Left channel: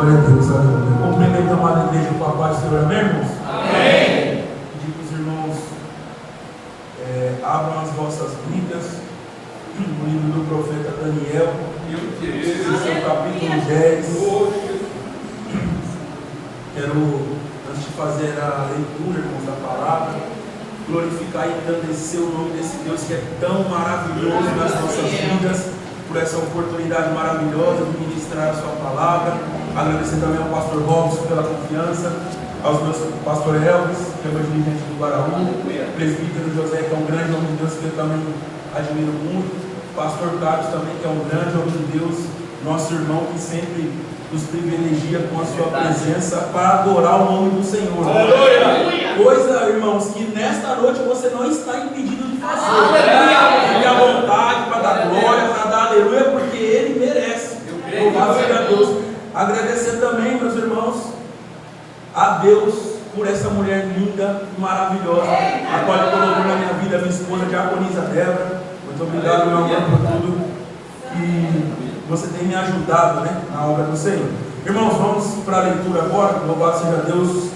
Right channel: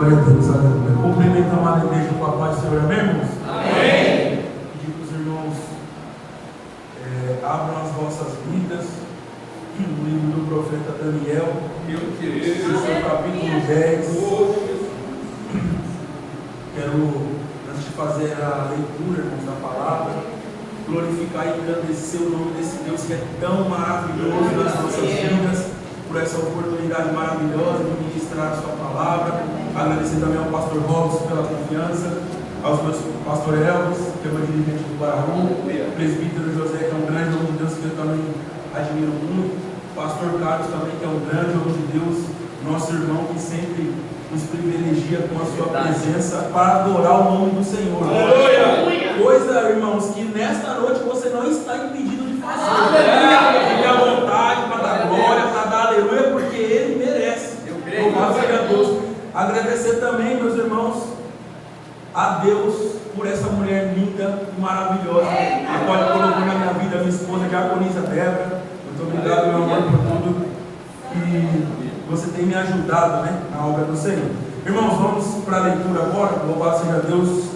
Glória a Deus, aleluia. Cumprimentamos a igreja com a paz do Senhor, amém, irmãos? Amém. Pedir que os irmãos abram as vossas Bíblias no livro do profeta Daniel, no seu capítulo 10. Quero, antes de fazer a leitura, irmãos, da palavra, glorificar e engrandecer o nome desse Deus que é tão maravilhoso nas nossas vidas, por essa oportunidade maravilhosa de ministrar a sua palavra. Agradecer também ao pastor Robson pela confiança, aos meus pastor Elvis, que é o dirigente do Guaraú, presbítero José, que é um grande homem de Deus que eu também admiro muito, pastor Carlos também, que é um grande homem de Deus, nosso irmão que sempre nos privilegia com a sua presença para adorar o nome do Senhor. Aleluia. Coisa, irmãos, que nesta noite você não está impedido de fazer. Fique à vontade para dar glória, para dar aleluia, porque Ele merece. Louvado seja Deus. Agradecer também, meus irmãos, a Deus por essa mulher linda e maravilhosa, a qual Ele colocou na minha vida, minha esposa, Diaconisa Débora. Muito obrigado, meu irmão, por tudo que você tem me ajudado, né, na obra do Senhor. Irmãos, vamos para a leitura agora. Louvado seja Deus.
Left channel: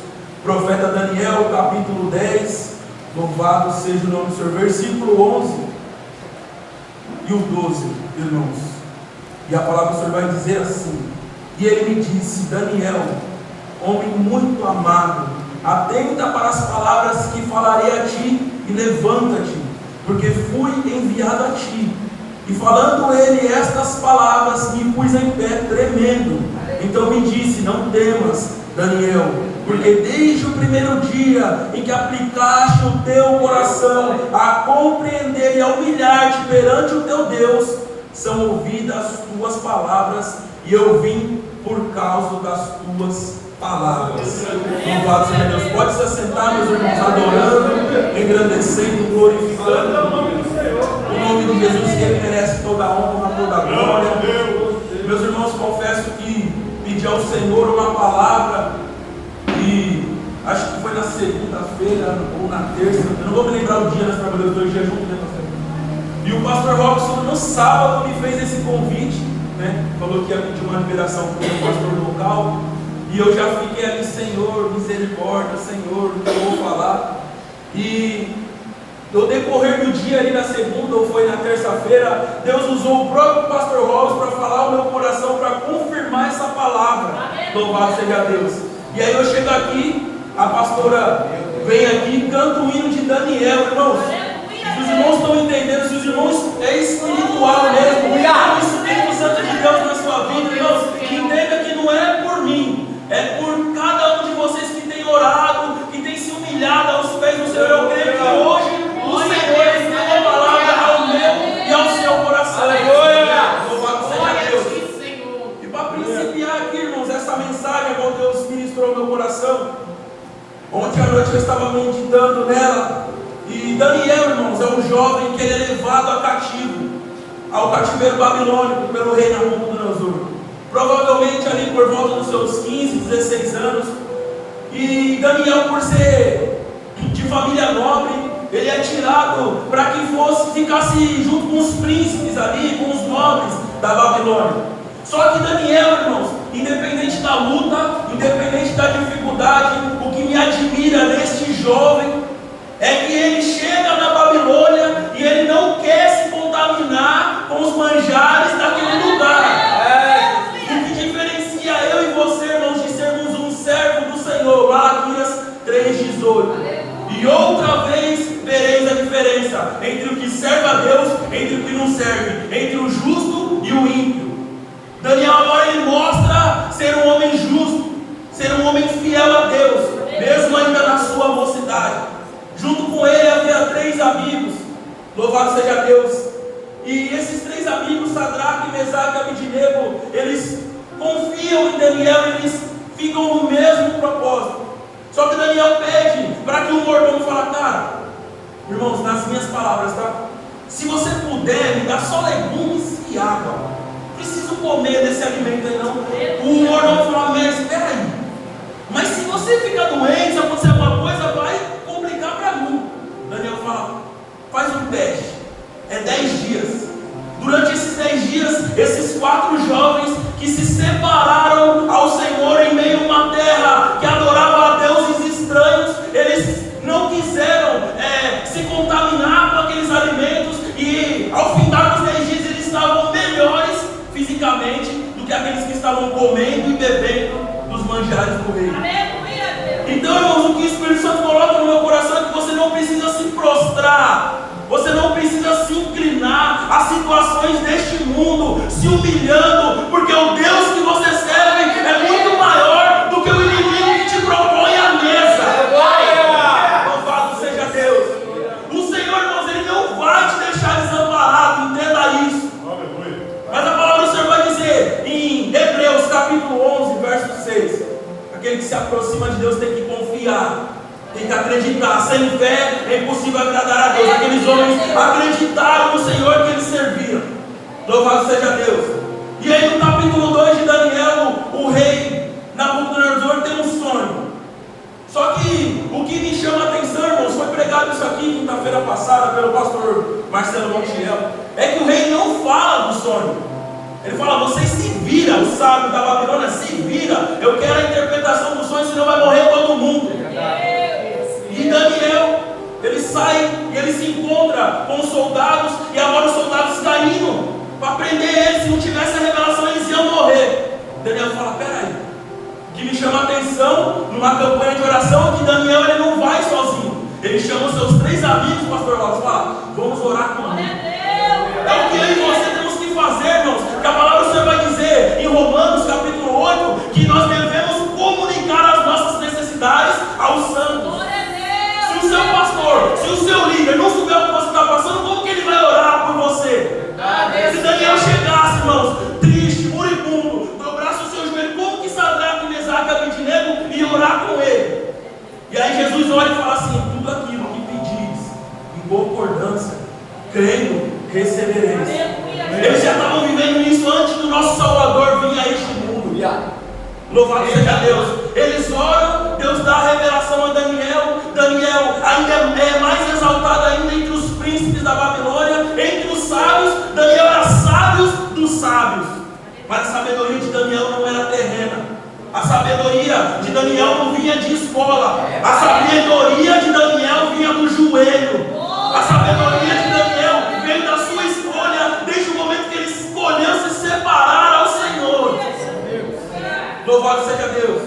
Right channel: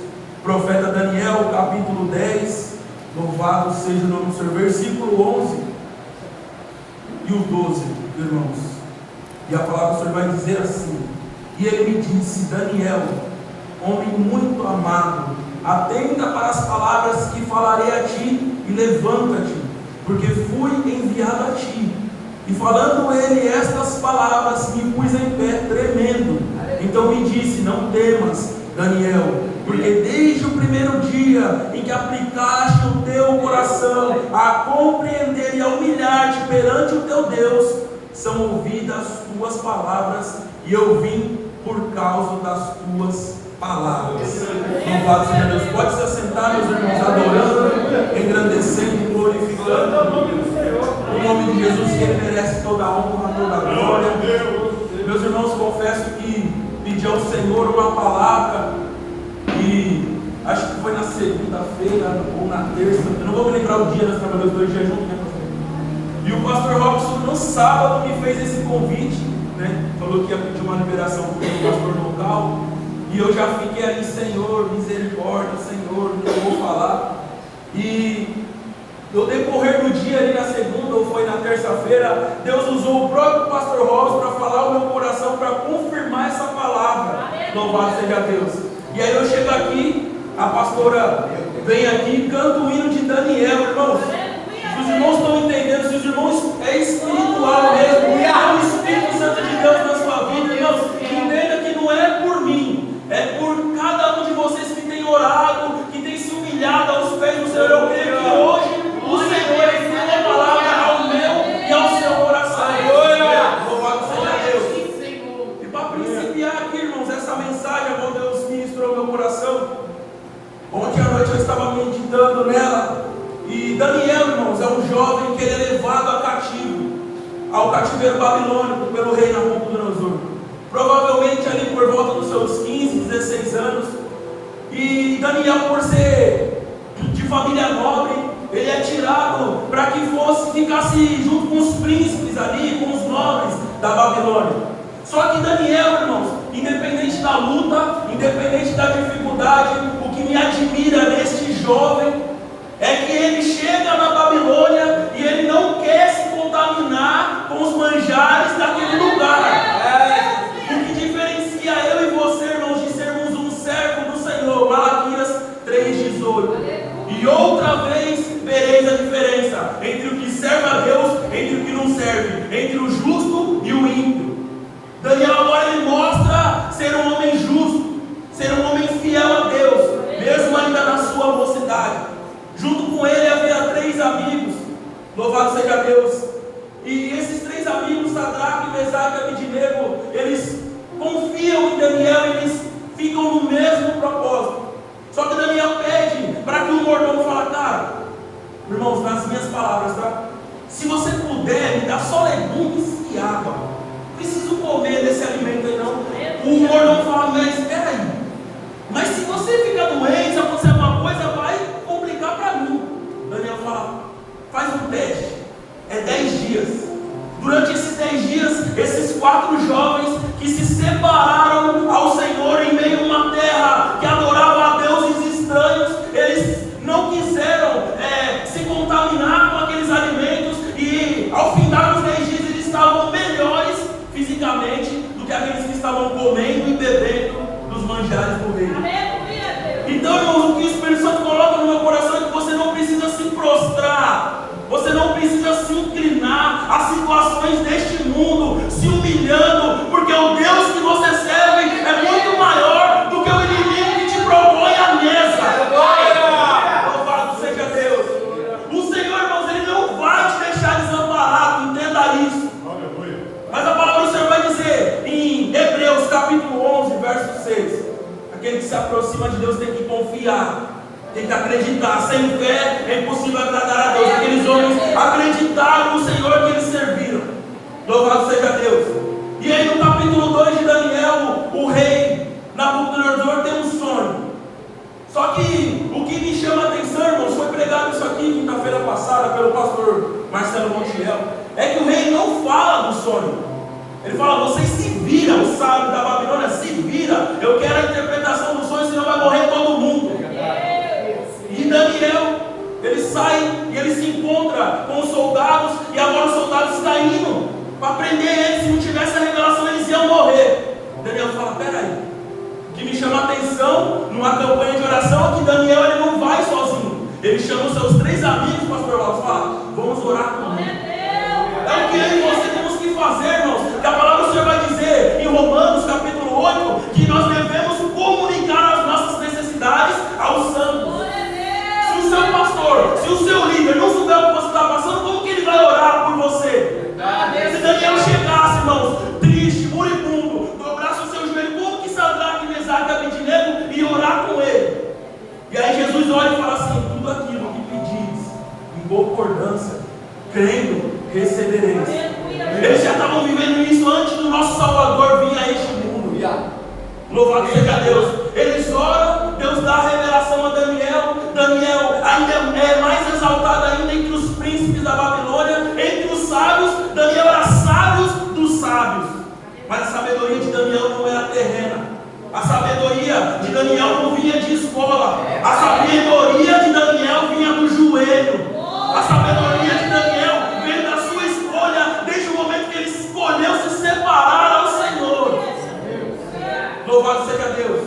Profeta Daniel, capítulo 10. Louvado seja o nome do Senhor. Versículo 11 e o 12, irmãos. E a palavra do Senhor vai dizer assim: e ele me disse, Daniel, homem muito amado, atenta para as palavras que falarei a ti e levanta-te, porque fui enviado a ti. E falando ele estas palavras, me pus em pé tremendo. Então me disse, não temas, Daniel, porque desde o primeiro dia em que aplicaste o teu coração a compreender e a humilhar-te perante o teu Deus, são ouvidas as tuas palavras, e eu vim por causa das tuas palavras. Louvado seja Deus. Pode se assentar, meus irmãos, adorando, engrandecendo, glorificando o nome do Senhor, o nome de Jesus, que Ele merece toda a honra, toda a glória. Meus irmãos, confesso que pedi ao Senhor uma palavra, e acho que foi na segunda-feira ou na terça, eu não vou me lembrar o dia, nós trabalhamos 2 dias juntos, né, pastor? E o pastor Robson no sábado me fez esse convite, né? Falou que ia pedir uma liberação para o pastor do local. E eu já fiquei ali, Senhor, misericórdia, Senhor, não vou falar. E no decorrer do dia, ali na segunda ou foi na terça-feira, Deus usou o próprio pastor Robson para falar o meu coração, para confirmar essa palavra. Louvado seja Deus. E aí eu chego aqui, a pastora vem aqui e canta o hino de Daniel, irmãos. Se os irmãos estão entendendo, se os irmãos é espiritual mesmo, é o Espírito Santo de Deus na sua vida, irmãos, entenda que não é por mim, é por cada um de vocês que tem orado, que tem se humilhado aos pés do Senhor. Eu creio que hoje o Senhor tem uma palavra ao meu e ao seu coração. Louvado seja Deus. E para principiar aqui, irmãos, essa mensagem, como Deus ministrou no meu coração, ontem à noite eu estava meditando nela. E Daniel, irmãos, é um jovem que ele é levado ao cativeiro babilônico pelo rei Nabucodonosor. Provavelmente ali por volta dos seus 15, 16 anos. E Daniel, por ser de família nobre, ele é tirado para que ficasse junto com os príncipes ali, com os nobres da Babilônia. Só que Daniel, irmãos, independente da luta, independente da dificuldade, o que me admira neste jovem é que ele chega na Babilônia e ele não quer se contaminar com os manjares daquele lugar. O que diferencia eu e você, irmãos, de sermos um servo do Senhor, Malaquias 3,18. E outra vez vereis a diferença entre o que serve a Deus, entre o que não serve, entre o justo e o ímpio. Daniel agora ele mostra ser um homem justo, ser um homem fiel a Deus, mesmo ainda na sua mocidade. Junto com ele havia 3 amigos, louvado seja Deus. E esses 3 amigos, Sadraque, Mesaque e Abednego, eles confiam em Daniel, eles ficam no mesmo propósito. Só que Daniel pede para que o mordomo fale, cara, irmãos, nas minhas palavras, tá? Se você puder, me dá só legumes e água. Preciso comer desse alimento aí não. O mordomo fala, mas espera aí. Mas se você ficar doente, se acontecer alguma coisa, vai complicar para mim. Daniel fala, faz um teste. É 10 dias. Durante esses 10 dias, esses 4 jovens que se separaram ao Senhor comendo e bebendo dos manjares do rei. Então, irmãos, o que o Espírito Santo coloca no meu coração é que você não precisa se prostrar, você não precisa se inclinar a situações deste mundo, se humilhando, porque o Deus que você serve é muito maior do que o inimigo que te propõe a mesa. Louvado seja Deus. O Senhor, irmãos, Ele não vai te deixar desamparado, entenda isso. Mas a palavra do Senhor vai dizer em Hebreus capítulo 11, verso 6: aquele que se aproxima de Deus tem que confiar, tem que acreditar. Sem fé é impossível agradar a Deus. Aqueles homens acreditaram no Senhor que eles serviram. Louvado seja Deus. E aí no capítulo 2 de Daniel, o rei Nabucodonosor tem um sonho. Só que o que me chama a atenção, irmãos, foi pregado isso aqui quinta-feira passada pelo pastor Marcelo Montiel, é que o rei não fala do sonho. Ele fala: vocês se viram, o sábio da Babilônia, se vira, eu quero a interpretação do sonho, senão vai morrer todo mundo. E Daniel, ele sai e ele se encontra com os soldados, e agora os soldados estão indo para prender ele. Se não tivesse a revelação, eles iam morrer. Daniel fala: peraí, o que me chama a atenção numa campanha de oração é que Daniel, ele não vai sozinho, ele chama os seus 3 amigos, pastor Wallace, fala: vamos orar comigo. É o que eu e você temos que fazer, irmãos, que a palavra do Senhor vai dizer em Romanos capítulo 8, que nós devemos comunicar as nossas necessidades aos santos. Se o seu pastor, se o seu líder não souber o que você está passando, como que ele vai orar por você? Se Daniel chegasse, irmãos, triste, moribundo, dobrasse o seu joelho, como que Sadraque, Mesaque e Abednego ia orar com ele? E aí Jesus olha e fala assim: tudo aquilo que pedis em concordância, crendo, recebereis. Eles já estavam vivendo isso antes do nosso Salvador vir a este mundo. Louvado seja Deus. Eles oram, Deus dá a revelação a Daniel. Daniel ainda é mais exaltado ainda entre os príncipes da Babilônia, entre os sábios. Daniel era sábios dos sábios. Mas a sabedoria de Daniel não era terrena. A sabedoria de Daniel não vinha de escola. A sabedoria de Daniel vinha do joelho. A sabedoria de Daniel veio da sua escolha, desde o momento que ele escolheu se separar ao Senhor. Louvado seja Deus.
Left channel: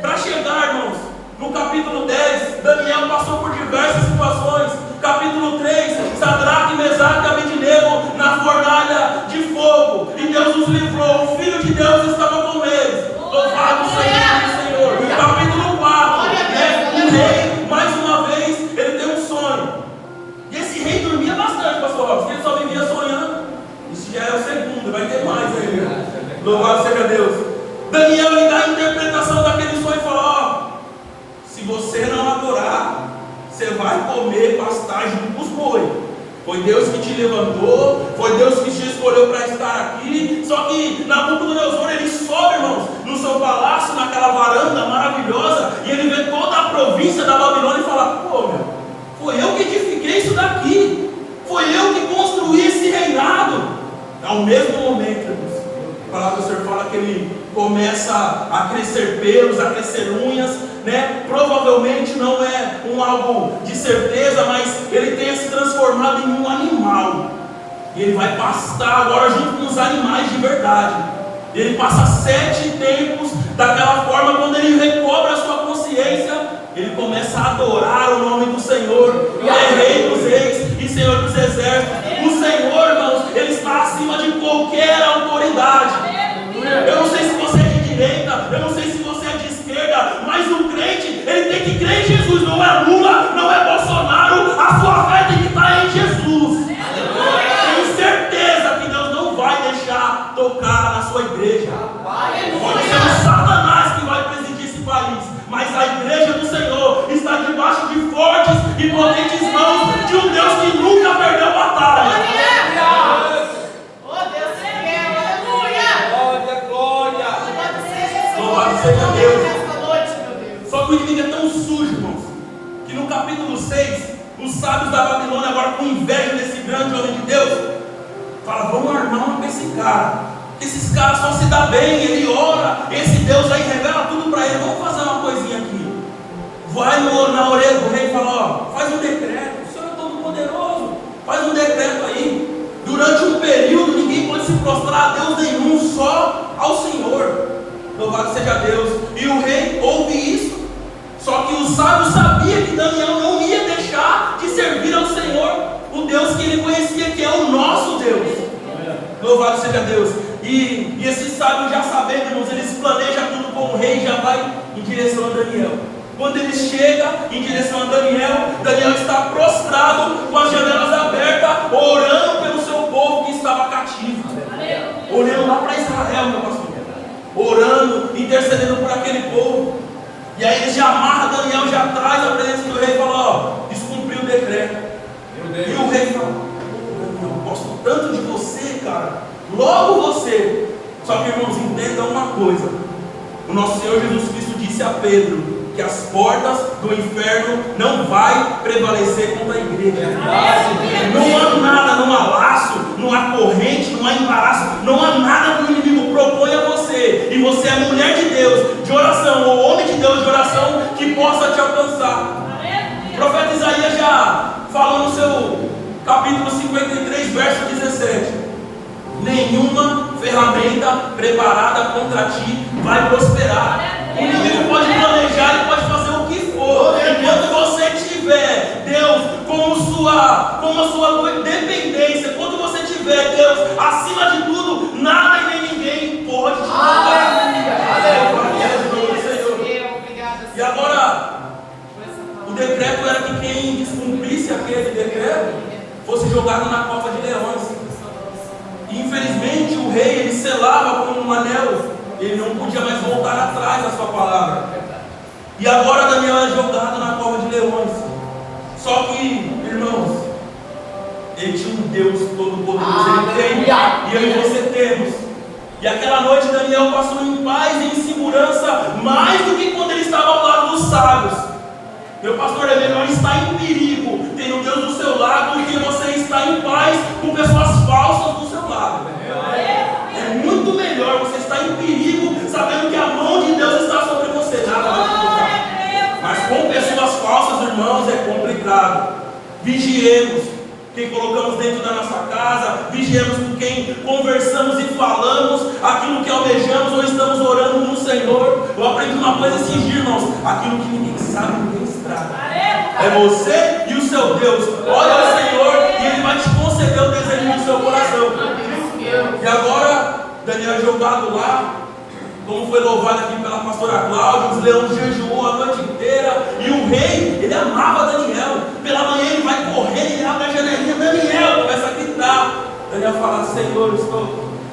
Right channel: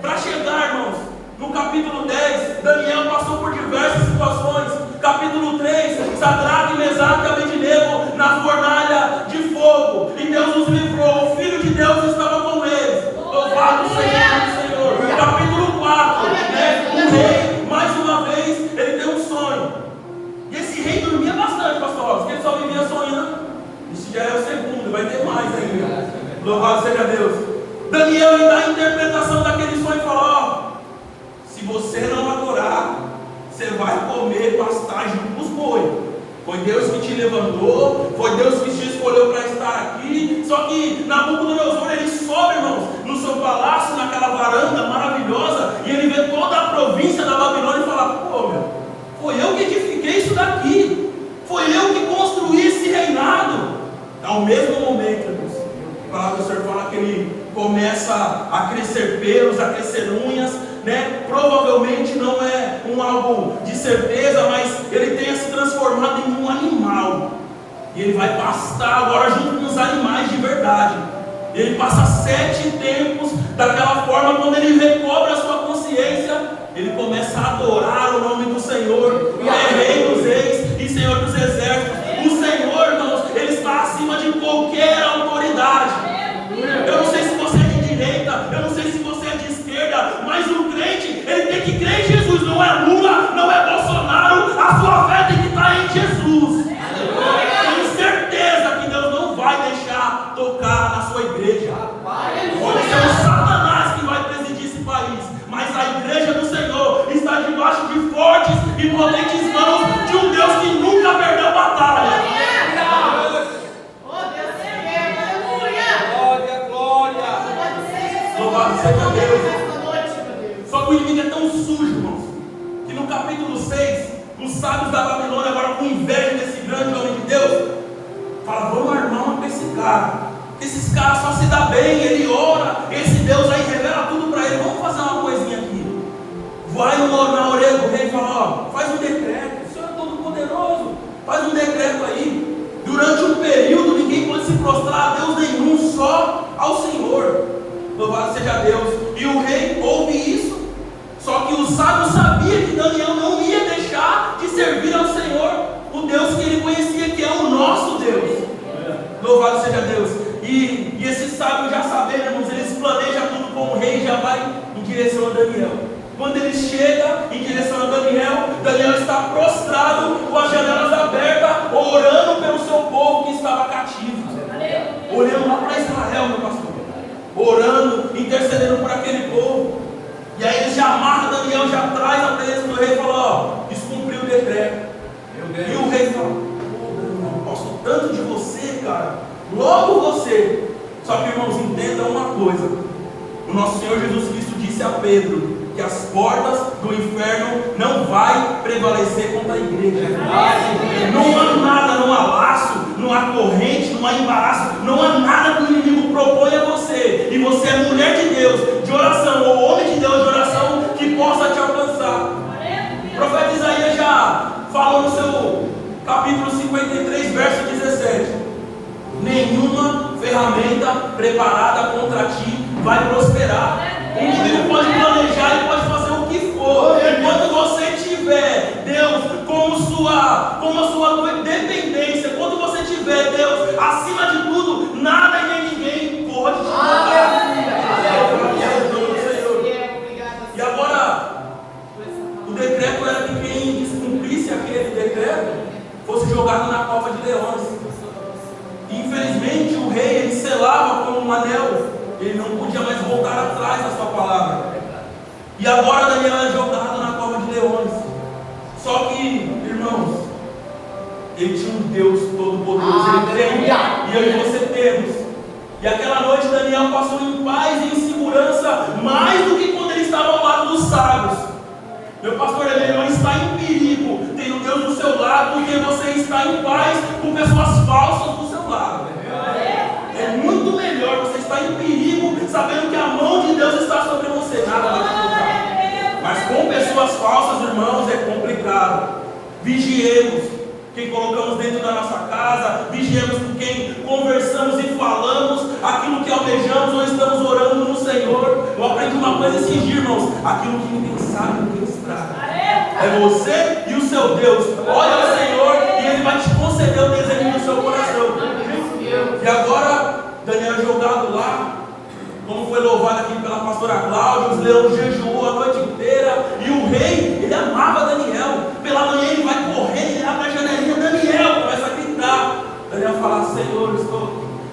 Para chegar, irmãos, no capítulo 10, Daniel passou por diversas situações. Capítulo 3, Sadraque, Mesaque e Abednego na fornalha de fogo, e Deus os livrou. O Filho de Deus estava com eles. Louvado seja o Senhor. Capítulo 4, o rei, mais uma vez, ele tem um sonho. E esse rei dormia bastante, pastor, porque ele só vivia sonhando. Isso já é o segundo, vai ter mais ainda. Louvado seja Deus. Daniel, ele dá a interpretação daquele sonho e fala: se você não adorar, você vai comer pastagem com os bois. Foi Deus que te levantou, foi Deus que te escolheu para estar aqui. Só que Nabucodonosor, ele sobe, irmãos, no seu palácio, naquela varanda maravilhosa, e ele vê toda a província da Babilônia e fala: pô, meu, foi eu que edifiquei isso daqui, foi eu que construí esse reinado. Ao mesmo momento, irmãos, a palavra do Senhor fala que ele começa a crescer pelos, a crescer unhas, né? Provavelmente não é algo de certeza, mas ele tenha se transformado em um animal, e ele vai pastar agora junto com os animais de verdade. Ele passa 7 tempos daquela forma. Quando ele recobra a sua consciência, ele começa a adorar o nome do Senhor, que é Rei dos Reis e Senhor dos Exércitos. O Senhor, irmãos, ele está acima de qualquer autoridade. Eu não sei se você é de direita, eu não sei se você é de esquerda, mas o crente, ele tem que crer em Jesus. Não é Lula, não é Bolsonaro, a sua fé tem que estar em Jesus. Tenho certeza que Deus não vai deixar tocar na sua igreja. Pode ser o Satanás que vai presidir esse país, mas a igreja do Senhor está debaixo de fortes e potentes mãos de um Deus que nunca perdeu batalha. Louvado seja Deus. Só que o inimigo é tão sujo, irmãos, que no capítulo 6, os sábios da Babilônia, agora com inveja desse grande homem de Deus, falam: vamos armar uma para esse cara. Esses caras só se dá bem, ele ora, esse Deus aí revela tudo para ele. Vamos fazer uma coisinha aqui. Vai na orelha do rei e fala: ó, faz um decreto, o Senhor é todo poderoso, faz um decreto aí. Durante um período ninguém pode se prostrar a Deus nenhum, só ao Senhor. Louvado seja Deus. E o rei ouve isso. Só que o sábio sabia que Daniel não ia deixar de servir ao Senhor, o Deus que ele conhecia, que é o nosso Deus. Louvado seja Deus. E esse sábio, já sabendo, irmãos, eles planejam tudo com o rei e já vai em direção a Daniel. Quando ele chega em direção a Daniel, Daniel está prostrado, com as janelas abertas, orando pelo seu povo que estava cativo. Olhando lá para Israel, meu pastor. Orando, intercedendo por aquele povo. E aí ele já amarra Daniel, já traz a presença do rei e fala: ó, descumpriu o decreto. E o rei fala: Daniel, gosto tanto de você, cara. Logo você. Só que, irmãos, entendam uma coisa. O nosso Senhor Jesus Cristo disse a Pedro que as portas do inferno não vai prevalecer contra a igreja. Não há nada, não há laço, não há corrente, não há embaraço, não há nada que o inimigo propõe a você, e você é mulher de Deus, de oração, ou homem de Deus de oração, que possa te alcançar. O profeta Isaías já falou no seu capítulo 53, verso 17: nenhuma ferramenta preparada contra ti vai prosperar. O inimigo pode planejar e pode fazer o que for. Enquanto você tiver Deus como a sua dependência, quando você tiver Deus acima de tudo, nada e nem ninguém pode te tocar. E agora, o decreto era que quem descumprisse aquele decreto fosse jogado na cova de leões. E infelizmente o rei, ele selava com um anel. Ele não podia mais voltar atrás da sua palavra. E agora Daniel é jogado na cova de leões. Só que, irmãos, ele tinha um Deus todo-poderoso. Ele tem, e eu e você temos. E aquela noite Daniel passou em paz e em segurança, mais do que quando ele estava ao lado dos sábios. Meu pastor, é melhor estar em perigo tendo Deus do seu lado do que você estar em paz com pessoas falsas do seu lado. É muito melhor você estar em perigo sabendo que a mão de Deus está sobre você. Nada vai te tocar. Mas com pessoas falsas, irmãos, é complicado. Vigiemos quem colocamos dentro da nossa casa, vigiemos com quem conversamos e falamos aquilo que almejamos ou estamos orando no Senhor. Eu aprendi uma coisa esses dias, irmãos: aquilo que ninguém sabe, ninguém estraga. É você e o seu Deus. Olha ao Senhor e Ele vai te conceder o desejo do seu coração. E agora, Daniel jogado lá, como foi louvado aqui pela pastora Cláudia, os leões jejuou a noite inteira, e o rei, ele amava Daniel. Pela manhã ele vai correr, ele abre a janelinha, Daniel, começa a gritar. Daniel fala: Senhor,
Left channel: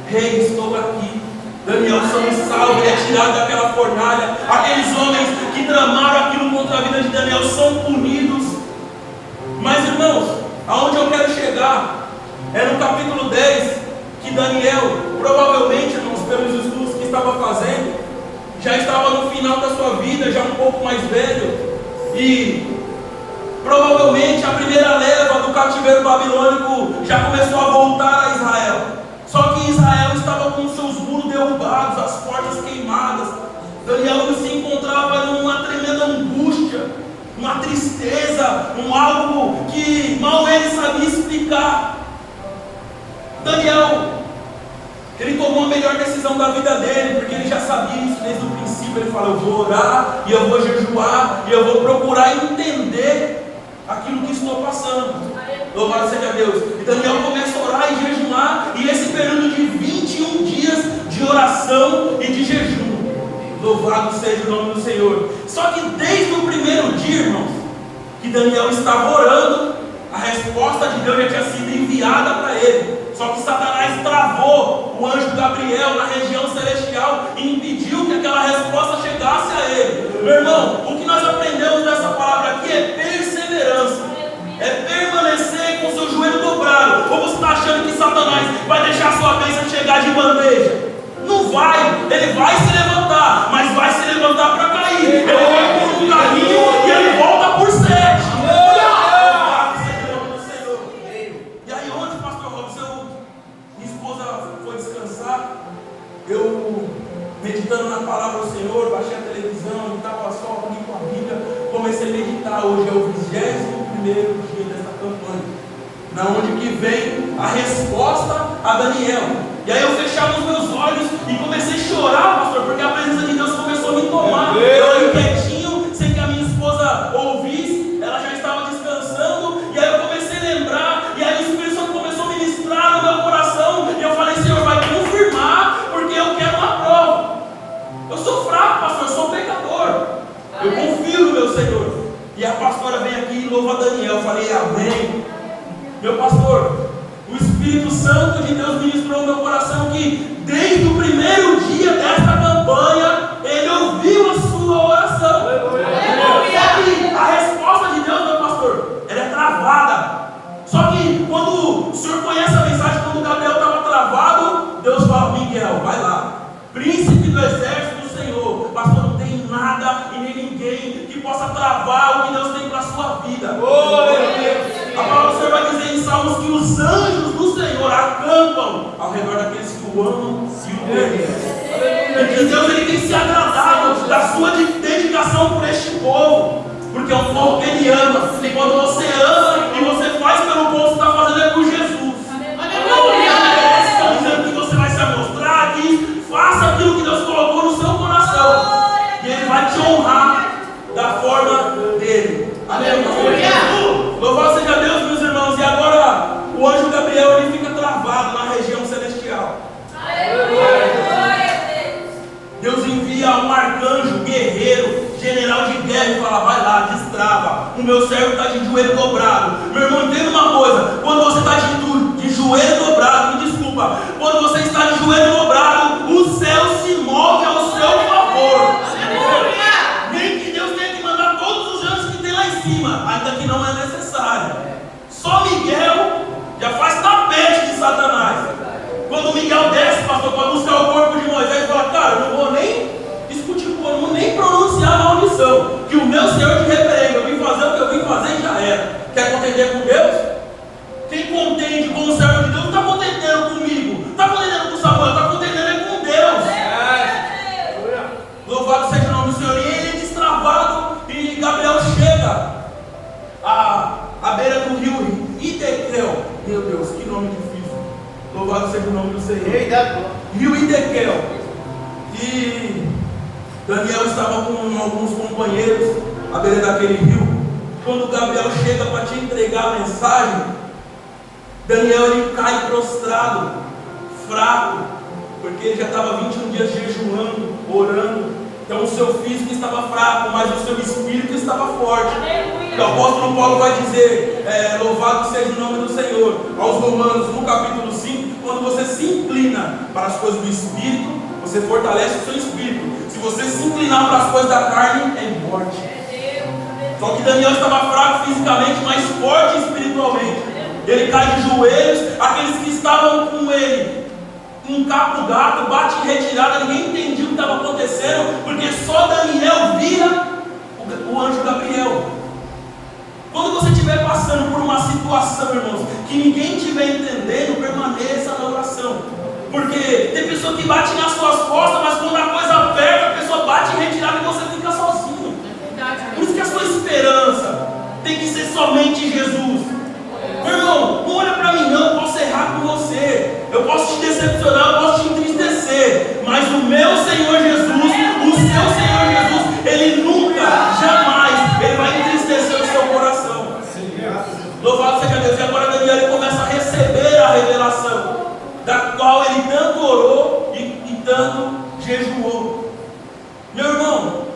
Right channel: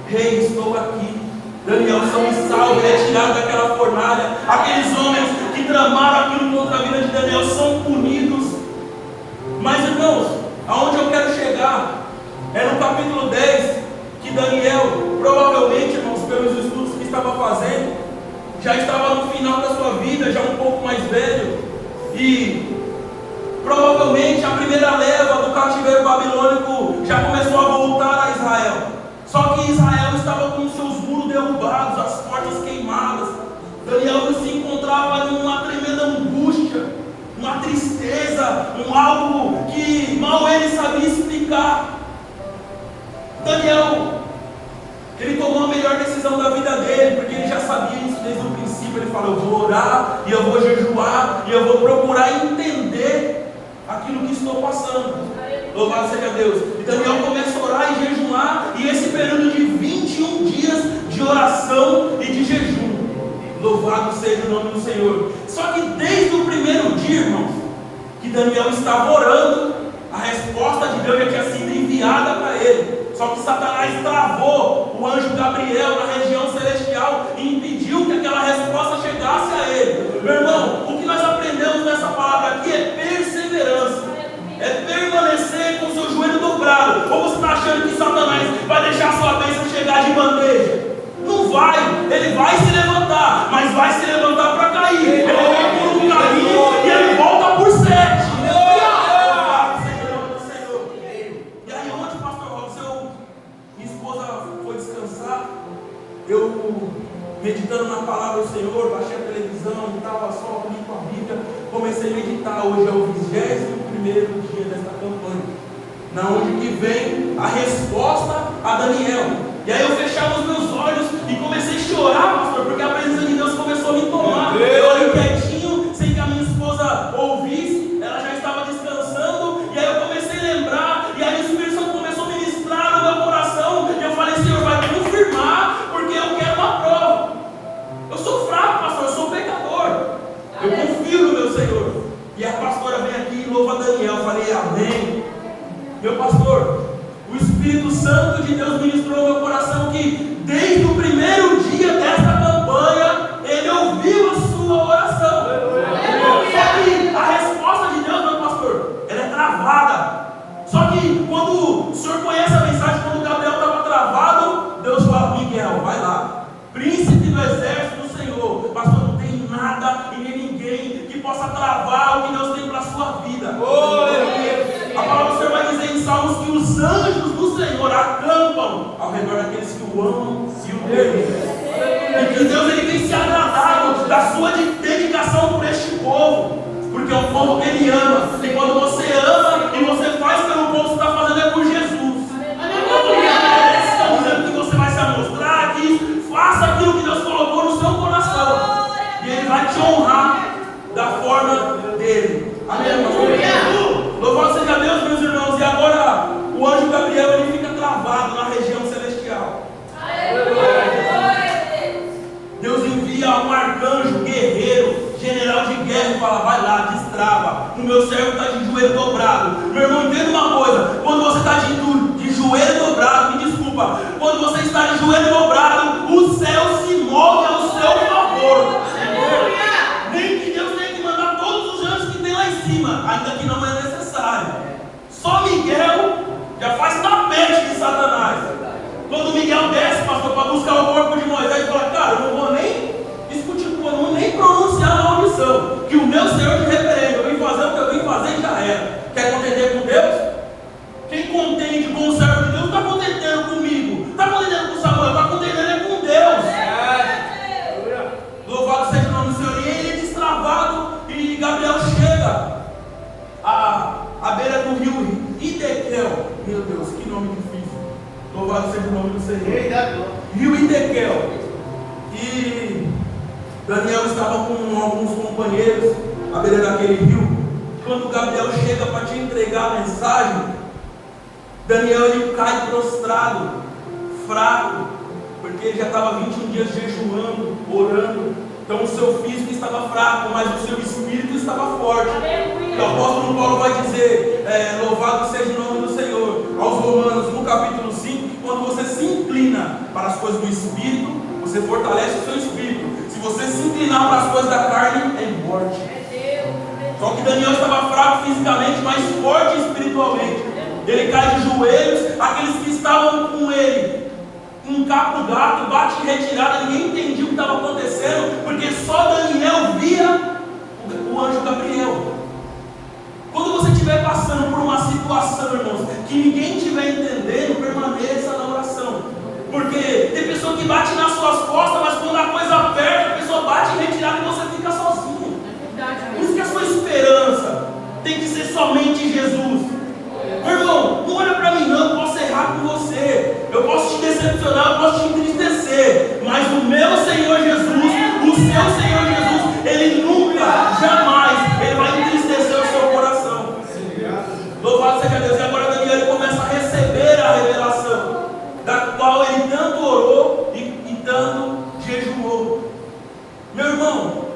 rei, estou aqui. Daniel, somos salvos, ele é tirado daquela fornalha. Aqueles homens que tramaram aquilo contra a vida de Daniel são punidos. Mas, irmãos, aonde eu quero chegar é no capítulo 10, que Daniel, provavelmente, irmãos, pelos estudos que estava fazendo, já estava no final da sua vida, já um pouco mais velho, e provavelmente a primeira leva do cativeiro babilônico já começou a voltar a Israel. Só que Israel estava com seus muros derrubados, as portas queimadas. Daniel se encontrava numa tremenda angústia, uma tristeza, algo que mal ele sabia explicar. Daniel, ele tomou a melhor decisão da vida dele, porque ele já sabia isso desde o princípio. Ele falou: eu vou orar, e eu vou jejuar, e eu vou procurar entender aquilo que estou passando. Louvado seja Deus. E Daniel começa a orar e jejuar, e esse período de 21 dias de oração e de jejum. Louvado seja o nome do Senhor. Só que desde o primeiro dia, irmãos, que Daniel estava orando, a resposta de Deus já tinha sido enviada para ele. Só que Satanás travou o anjo Gabriel na região celestial e impediu que aquela resposta chegasse a ele. Meu irmão, o que nós aprendemos nessa palavra aqui é perseverança. É permanecer com seu joelho dobrado. Ou você está achando que Satanás vai deixar a sua bênção chegar de bandeja? Não vai. Ele vai se levantar, mas vai se levantar para cair. Ele vem por um caminho e ele volta por 7. Eu, meditando na palavra do Senhor, baixei a televisão e estava só ali com a Bíblia, comecei a meditar. Hoje é o 21º dia desta campanha, na onde que vem a resposta a Daniel. E aí eu fechava os meus olhos e comecei a chorar, pastor, porque a presença de Eu confio no meu Senhor. E a pastora vem aqui e louva Daniel. Eu falei, amém. Meu pastor, o Espírito Santo de Deus ministrou no meu coração que desde o primeiro dia dessa campanha, ele ouviu a sua oração. Só que a resposta de Deus, meu pastor, ela é travada. Só que quando o senhor conhece a mensagem, quando o Gabriel estava travado, Deus fala, Miguel, vai lá, príncipe do exército do Senhor. Pastor, não tem nada e nem ninguém que possa travar o que Deus tem para a sua vida. A palavra do Senhor vai dizer em Salmos que os anjos do Senhor acampam ao redor daqueles que o amam e o temem. E que Deus ele tem se agradado da sua dedicação por este povo, porque é um povo que ele ama. E quando você ama e você faz pelo povo, você está fazendo é por Jesus. Está dizendo que você vai se amostrar, que faça aquilo que Deus colocou no seu coração, e ele vai te honrar da forma dele. Amém. Louvado seja Deus, meus irmãos. E agora o anjo Gabriel ele fica travado na região celestial. Deus envia um arcanjo, guerreiro, general de guerra e fala, vai lá, destrava. O meu servo está de joelho dobrado. Meu irmão, entenda uma coisa. Quando você está de joelho dobrado, me desculpa, quando você está de joelho dobrado, o céu se move ao seu favor. Nem que Deus tenha que mandar todos os anjos que tem lá em cima, ainda que não é necessário. Só Miguel já faz tapete de Satanás. Quando Miguel desce, pastor, para buscar o corpo de Moisés, fala, cara, eu não vou nem discutir com ele, não vou nem pronunciar a maldição, que o meu Senhor te repreende. Eu vim fazer o que eu vim fazer e já era. Quer contender com Deus? Quem contende com o servo de Deus não está contendendo comigo, está contendendo com Samuel, está contendendo com Deus. Louvado seja o nome do Senhor. E ele é destravado e Gabriel chega à beira do rio Hidekel. Meu Deus, que nome difícil. Louvado seja o nome do Senhor. Rio Hidekel. E Daniel estava com alguns companheiros à beira daquele rio. Quando Gabriel chega para te entregar a mensagem, Daniel ele cai prostrado, fraco, porque ele já estava 21 dias jejuando, orando. Então o seu físico estava fraco, mas o seu espírito estava forte. O apóstolo Paulo vai dizer, louvado seja o nome do Senhor, aos Romanos, no capítulo 5, que quando você se inclina para as coisas do espírito, você fortalece o seu espírito. Se você se inclinar para as coisas da carne, é morte. Só que Daniel estava fraco fisicamente, mas forte espiritualmente. Ele cai de joelhos, aqueles que estavam com ele encapa o gato, bate em retirada, ninguém entendia o que estava acontecendo, porque só Daniel via o anjo Gabriel. Quando você estiver passando por uma situação, irmãos, que ninguém estiver entendendo, permaneça na oração. Porque tem pessoa que bate nas suas costas, mas quando a coisa aperta, a pessoa bate em retirada e você fica sozinho. Por isso que a sua esperança tem que ser somente Jesus. Meu irmão, não olha para mim não, eu posso errar com você, eu posso te decepcionar, eu posso te entristecer, mas o meu Senhor Jesus, o seu Senhor Jesus, Ele nunca, jamais, Ele vai entristecer o seu coração. Louvado seja Deus. E agora Daniel ele começa a receber a revelação, da qual ele tanto orou e tanto jejuou. Meu irmão,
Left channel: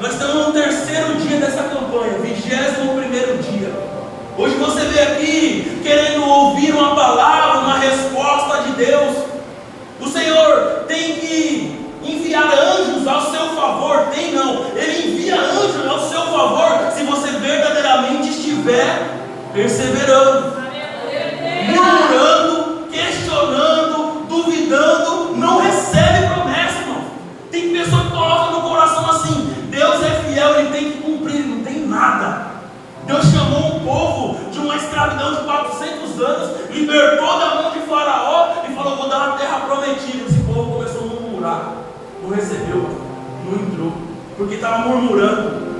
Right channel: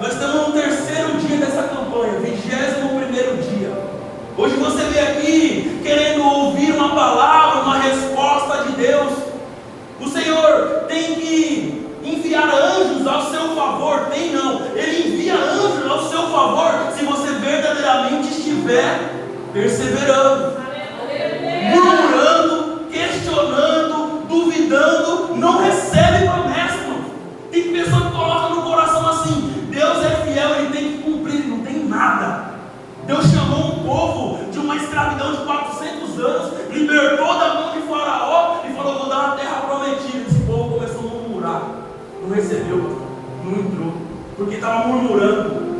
nós estamos no terceiro dia dessa campanha, 21º dia. Hoje você veio aqui querendo ouvir uma palavra, uma resposta de Deus. O Senhor tem que enviar anjos ao seu favor. Tem não, Ele envia anjos ao seu favor se você verdadeiramente estiver perseverando. Murmurando, questionando, duvidando, não recebe promessa, irmão. Tem pessoa que coloca no coração assim, Deus é fiel, Ele tem que cumprir, não tem nada. Deus chamou um povo de uma escravidão de 400 anos, libertou da mão de Faraó e falou, vou dar uma terra prometida. Esse povo começou a murmurar, não recebeu, não entrou, porque estava murmurando.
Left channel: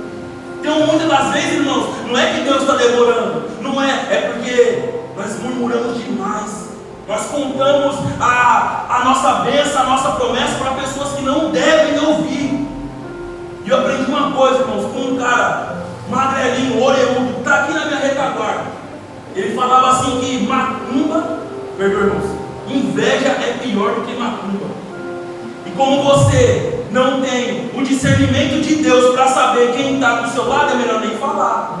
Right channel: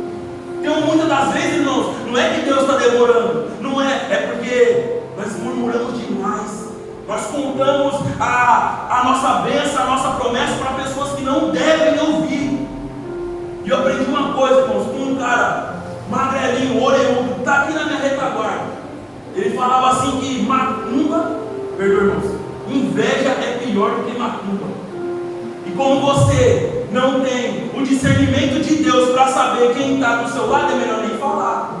Então muitas das vezes, irmãos, não é que Deus está demorando, não é porque nós murmuramos demais. Nós contamos a nossa bênção, a nossa promessa para pessoas que não devem ouvir. E eu aprendi uma coisa, irmãos, com um cara magrelinho, orelhudo, está aqui na minha retaguarda. Ele falava assim que macumba, perdoa, irmãos, inveja é pior do que macumba. E como você não tem o discernimento de Deus para saber saber quem está do seu lado, é melhor nem falar.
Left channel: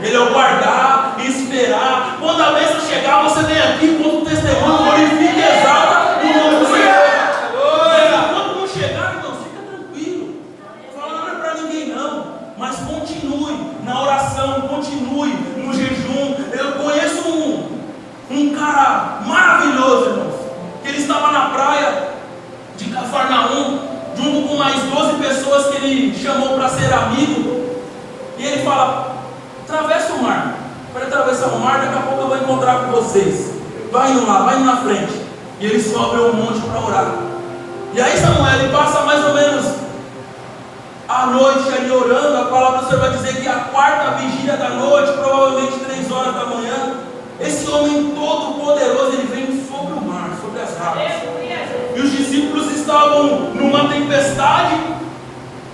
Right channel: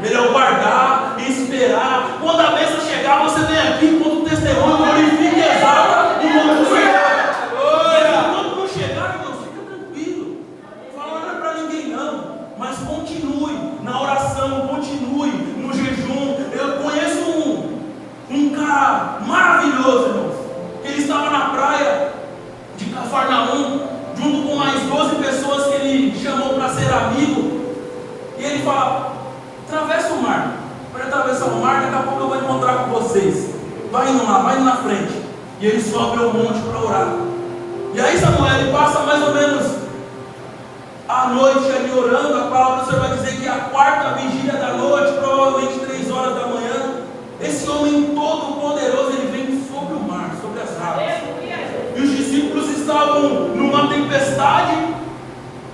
Melhor guardar e esperar. Quando a bênção chegar, você vem aqui, conta o testemunho, glorifica e exalta o nome do Senhor. Mas enquanto não chegar, irmão, fica tranquilo. Não fala nada para ninguém não. Mas continue na oração, continue no jejum. Eu conheço um cara maravilhoso, irmãos. Ele estava na praia de Cafarnaum, junto com mais 12 pessoas que ele chamou para ser amigo. E ele fala: atravessa o mar. Para atravessar o mar, daqui a pouco eu vou encontrar com vocês. Vai indo lá, vai indo na frente. E ele sobe ao monte para orar. E aí Samuel, ele passa mais ou menos a noite ali orando. A palavra do Senhor vai dizer que a quarta vigília da noite, provavelmente 3 horas da manhã, esse homem todo poderoso, ele vem sobre o mar, sobre as águas. E os discípulos estavam numa tempestade,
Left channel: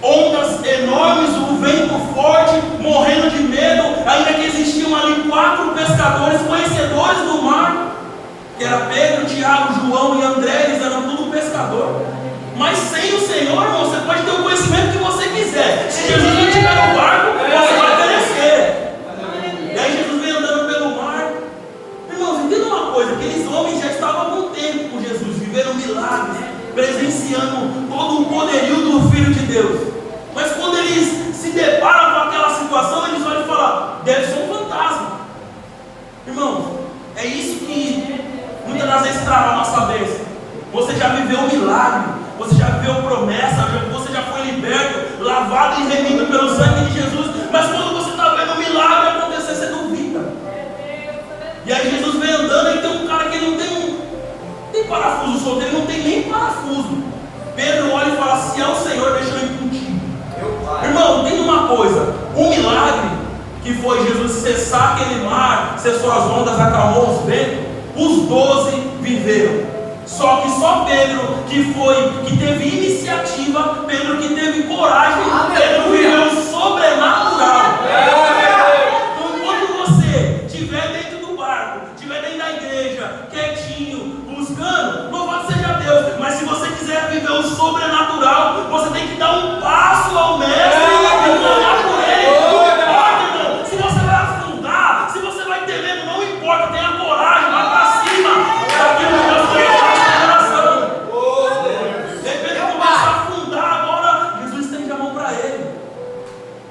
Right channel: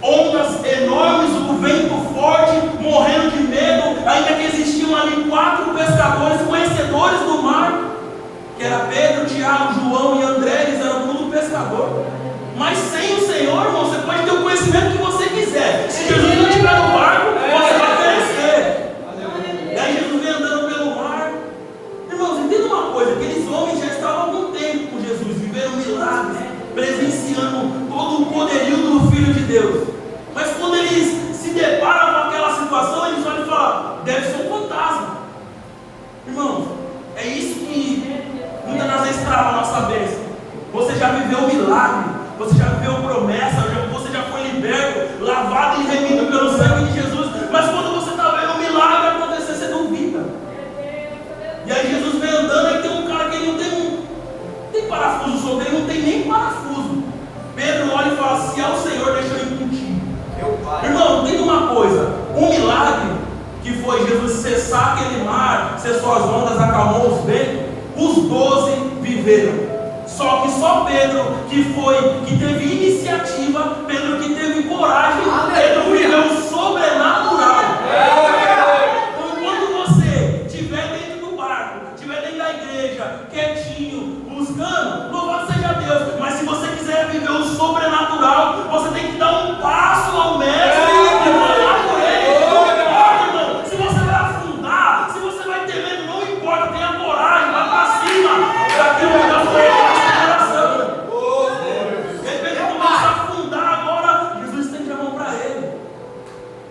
ondas enormes, o vento forte, morrendo de medo, ainda que existiam ali 4 pescadores conhecedores do mar, que era Pedro, Tiago, João e André. Eles eram tudo pescador. Mas sem o Senhor, irmão, você pode ter o conhecimento que você quiser. Se Jesus não estiver no barco, você vai perecer. E aí Jesus vem andando pelo mar. Irmãos, entenda uma coisa: aqueles homens já estavam há algum tempo com Jesus, vivendo milagres, presenciando todo o poderio do Filho de Deus. Mas quando eles se deparam com aquela situação, eles olham e falam: deve ser um fantasma. Irmãos, é isso que muitas das vezes trava a nossa bênção. Você já viveu um milagre, você já viveu promessa, você já foi liberto, lavado e remido pelo sangue de Jesus. Mas quando você está vendo um milagre acontecer, você duvida. E aí Jesus vem andando e tem um cara que ele não tem parafuso solto, ele não tem nem parafuso. Pedro olha e fala: se é o Senhor, deixa eu ir contigo. Irmão, entenda uma coisa: um milagre que foi Jesus cessar aquele mar, cessou as ondas, acalmou os ventos, os 12 viveram. Só que só Pedro que teve iniciativa, Pedro que teve coragem, Pedro viveu o sobrenatural. Então, enquanto você estiver dentro do barco, estiver dentro da igreja, quietinho, buscando, louvado seja Deus. Mas se você quiser viver o sobrenatural, você tem que dar um passo ao mestre e olhar por ele. Não importa, irmão, se você vai afundar, se você vai ter medo, não importa, tenha coragem, vai para cima. Daquilo que Deus colocou no seu coração. De repente começa a afundar agora, Jesus estende a mão para ele.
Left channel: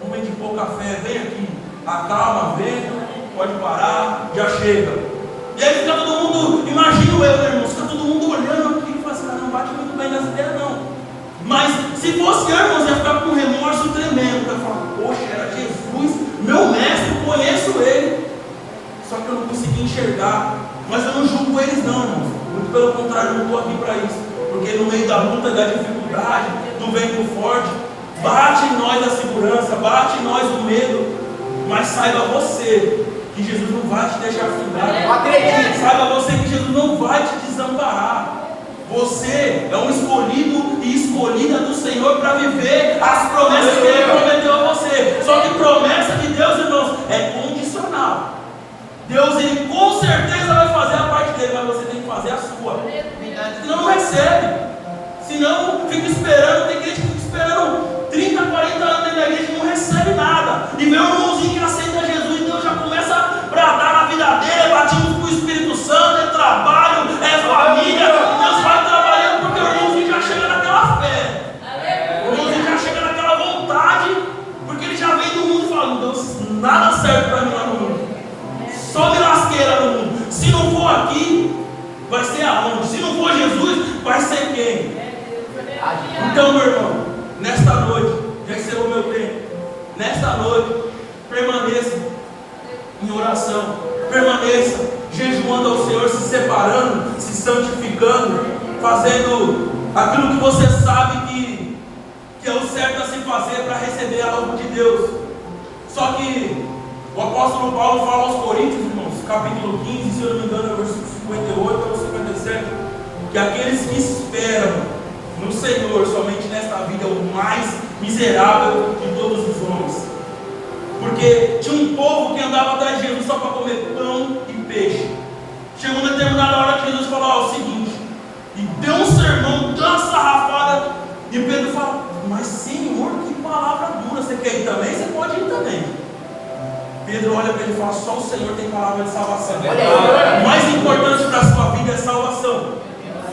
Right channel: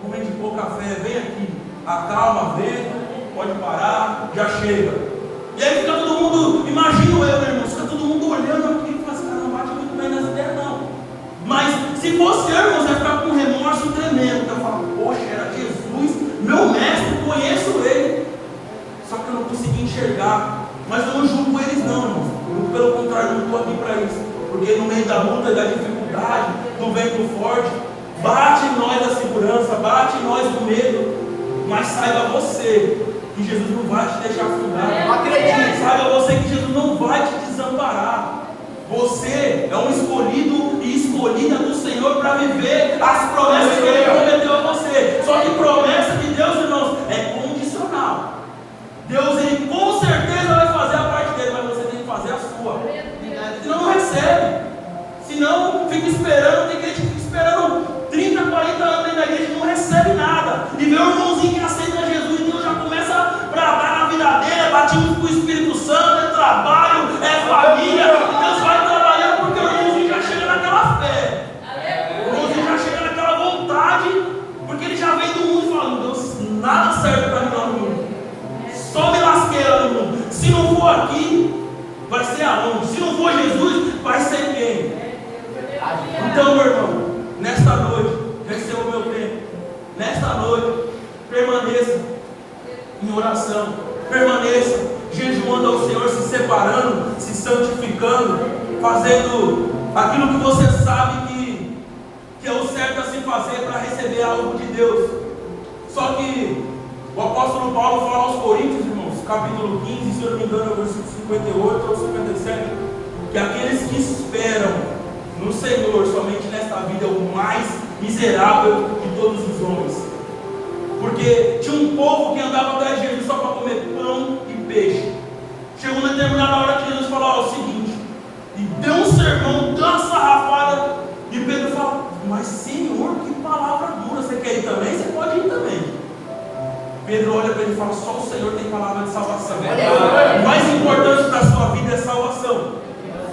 Homem de pouca fé, vem aqui, acalma, vem, pode parar, já chega. E aí fica todo mundo, imagino eu, irmão, fica todo mundo olhando aqui e fala assim: cara, não bate muito bem nessa ideia não. Mas se fosse eu, irmãos, ia ficar com um remorso tremendo. Eu falo: poxa, era Jesus, meu mestre, conheço ele. Só que eu não consegui enxergar. Mas eu não julgo eles não, irmãos. Muito pelo contrário, eu não estou aqui para isso. Porque no meio da luta, da dificuldade, do vento forte, bate em nós a segurança, bate em nós o medo. Mas saiba você que Jesus não vai te deixar afundar. Saiba você que Jesus não vai te desamparar. Você é um escolhido e escolhida do Senhor para viver as promessas que Ele prometeu a você. Só que promessa de Deus, irmãos, é condicional. Deus, Ele com certeza vai fazer a parte dele, mas você tem que fazer a sua. Senão não recebe. Senão fica esperando. Tem gente que fica esperando 30, 40 anos dentro da igreja e não recebe nada. E vê um irmãozinho que aceita Jesus e Deus já começa a bradar na vida dele, batismo com o Espírito Santo, é trabalho, é família. Deus vai trabalhando porque o irmãozinho já chega naquela fé. O irmãozinho já chega naquela vontade, porque ele já vem do mundo e fala: Deus, nada serve para mim lá no mundo. Só me lasqueira no mundo. Se não for aqui, vai ser aonde? Se não for Jesus, vai ser quem? Então, meu irmão, nesta noite, já recebo o meu tempo. Nesta noite, permaneça em oração, permaneça jejuando ao Senhor, se separando, se santificando, fazendo aquilo que você sabe que é o certo a se fazer para receber algo de Deus. Só que o apóstolo Paulo fala aos Coríntios, irmãos, capítulo 15, se eu não me engano, é o versículo 58 ou 57, que aqueles que esperam no Senhor somente nesta vida é o mais miserável de todos os homens. Porque tinha um povo que andava atrás de Jesus só para comer pão e peixe. Chegou uma determinada hora que Jesus falou: ó, é o seguinte, e deu um sermão, deu uma sarrafada, e Pedro fala: mas Senhor, que palavra dura, você quer ir também, você pode ir também. Pedro olha para ele e fala: só o Senhor tem palavra de salvação. O mais importante da sua vida é salvação.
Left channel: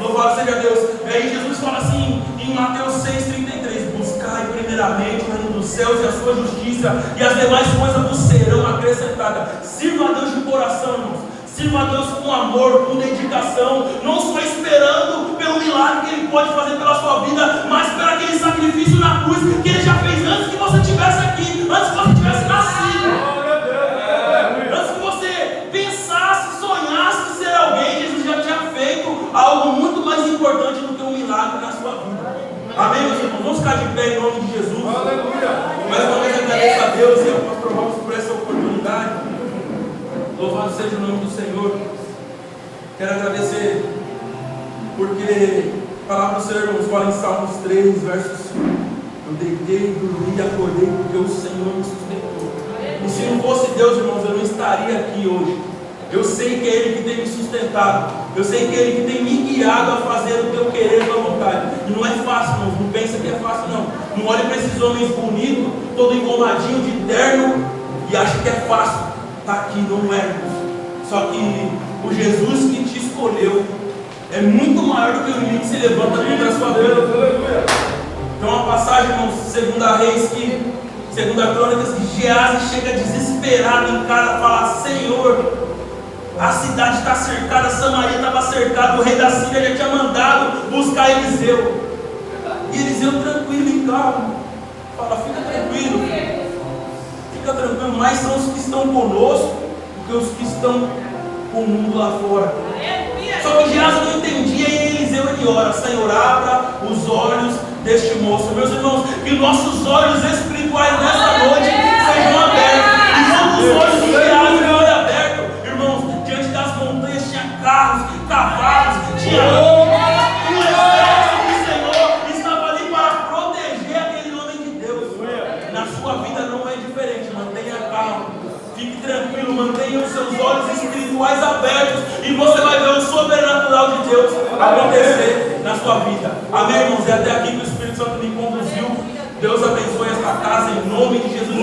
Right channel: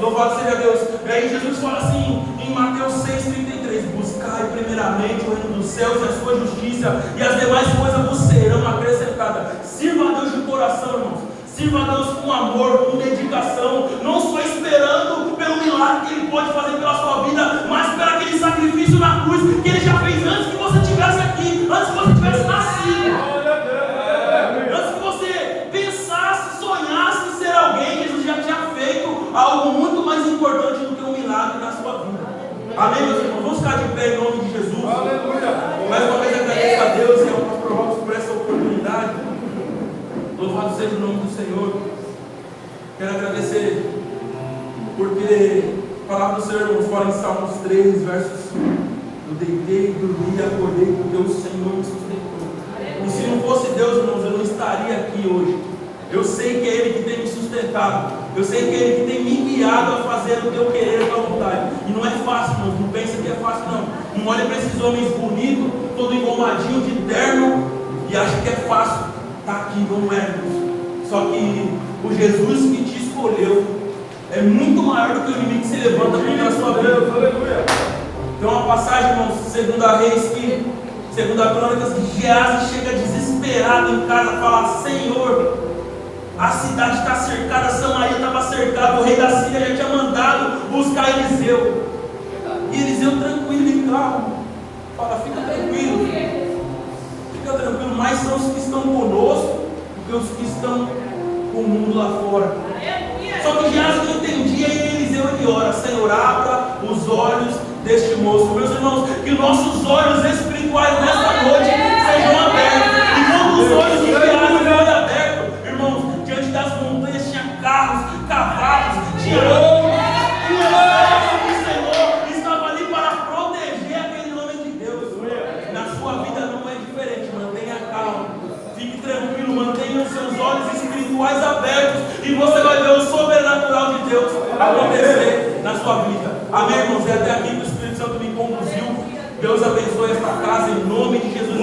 Louvado seja Deus. E aí Jesus fala assim em Mateus 6,33: buscai primeiramente o reino dos céus e a sua justiça, e as demais coisas vos serão acrescentadas. Sirva a Deus de coração, irmãos. Sirva a Deus com amor, com dedicação, não só esperando pelo milagre que Ele pode fazer pela sua vida, mas pelo aquele sacrifício na cruz que Ele já fez antes que você estivesse aqui, antes que você tivesse nascido. Antes que você pensasse, sonhasse ser alguém, Jesus já tinha feito algo muito mais importante do que um milagre na sua vida. Amém, meus irmãos? Vamos ficar de pé em nome de Jesus. Mais uma vez agradeço a Deus e ao pastor Ramos por essa oportunidade. Louvado seja o nome do Senhor. Quero agradecer porque a palavra do Senhor, irmãos, fala em Salmos 3, verso 5. Eu deitei, dormi e acordei porque o Senhor me sustentou. E se não fosse Deus, irmãos, eu não estaria aqui hoje. Eu sei que é Ele que tem me sustentado. Eu sei que é Ele que tem me guiado a fazer o teu querer e a tua vontade. E não é fácil, irmãos. Não pensa que é fácil, não. Não olha para esses homens bonitos, todo engomadinho de terno, e acha que é fácil. Está aqui, não é, irmãos. Só que o Jesus que te escolheu é muito maior do que o inimigo que se levanta contra a sua vida. Então a passagem, irmãos, 2 Reis, que 2 Crônicas, que Geazi chega desesperado em casa, fala: Senhor, a cidade está cercada, Samaria estava cercada, o rei da Síria já tinha mandado buscar Eliseu. E Eliseu tranquilo e calmo, fala: fica tranquilo, mais são os que estão conosco do que os que estão com o mundo lá fora. Só que Geazi não entendia, e Eliseu ele ora: Senhor, abra os olhos deste moço. Meus irmãos, que nossos olhos espirituais nessa noite sejam abertos. E quando os olhos de Geazi forem abertos, irmãos, diante das montanhas tinha carros, cavalos, tinha homens, e o exército do Senhor estava ali para proteger aquele homem de Deus. Na sua vida não é diferente. Mantenha calma, fique tranquilo, mantenha os seus olhos espirituais abertos, e você vai ver o sobrenatural de Deus acontecer na sua vida. Amém, irmãos? É até aqui que o Espírito Santo me conduziu. Deus abençoe esta casa em nome de Jesus.